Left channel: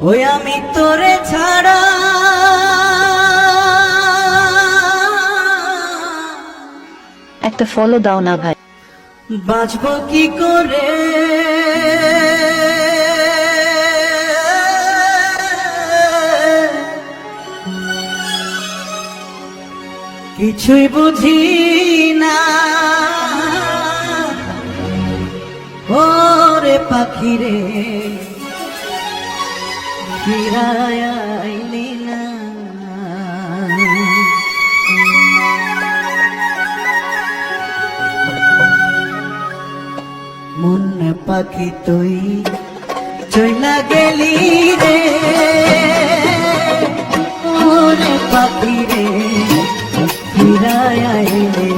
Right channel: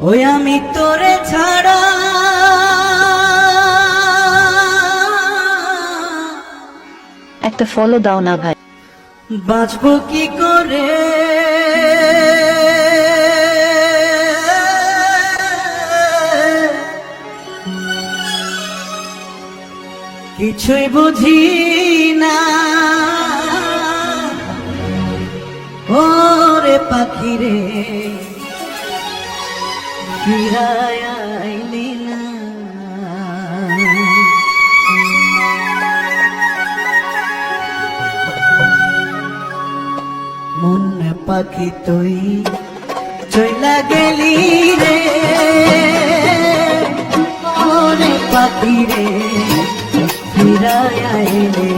ওই আমি তোরে ছাড়া। একটা ফলো দাও না ভাই। বাঁচবো কি করে? কিছুই বুঝি না। ওরে পাখি রে ফিরায় মন পাখি তুই চইলা গেলি রে। ওরে পাখি রে ফিরায় আইলে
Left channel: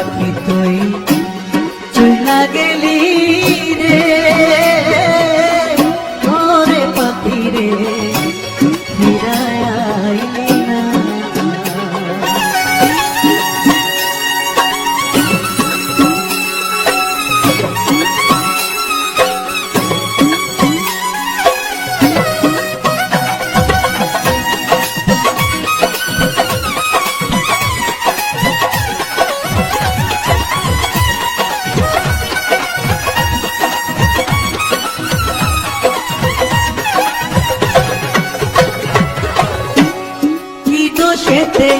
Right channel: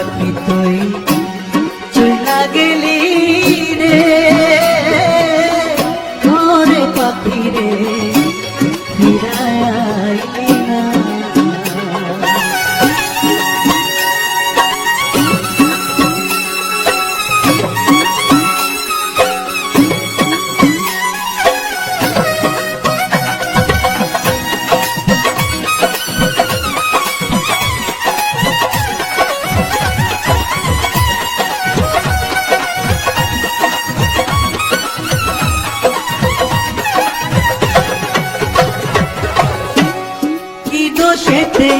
পাখি তুই কি দোষেতে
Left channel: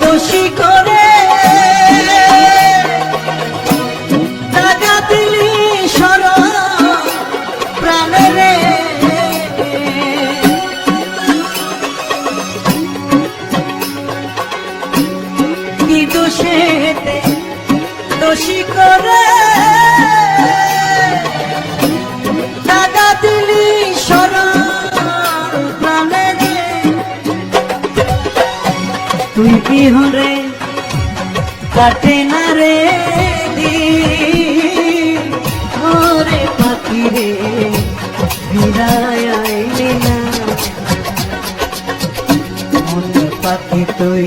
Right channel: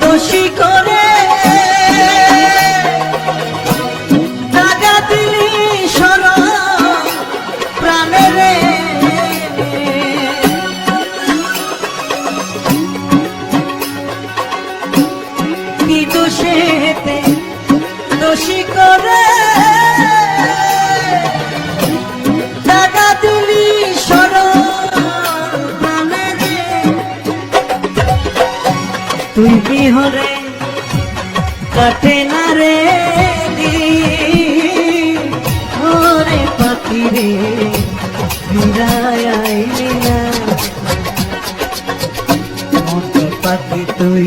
দোষী করে। টাকা দিলি সর প্রাণে কি দোষেতে তুই বিহরে কাটে না রে ওরে পাখি রে ফিরায় না। পাখি তুই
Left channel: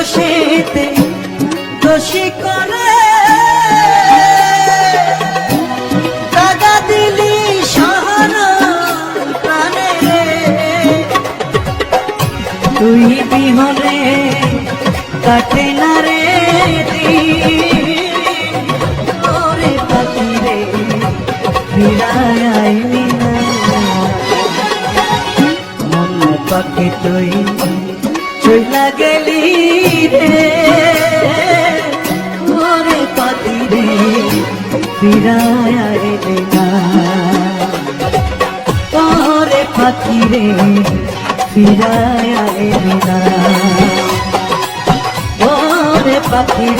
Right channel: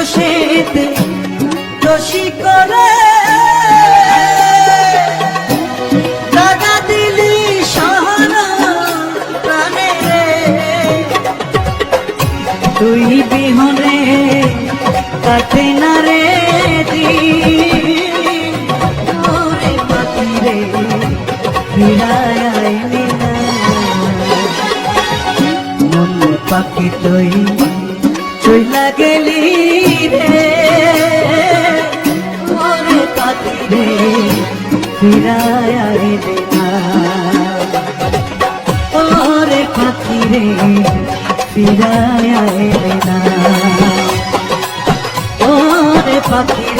দোষেতে দোষী করে। টাকা দিলি শহর প্রাণে তুই বিহরে কাটে না রে আইলি মন পাখি তুই চইলা গেলি রে। ওরে পাখি রে ফিরায় আইলি না। ওরে পাখি রে ফিরায় আইলি না। ওরে পাখি রে ফিরায়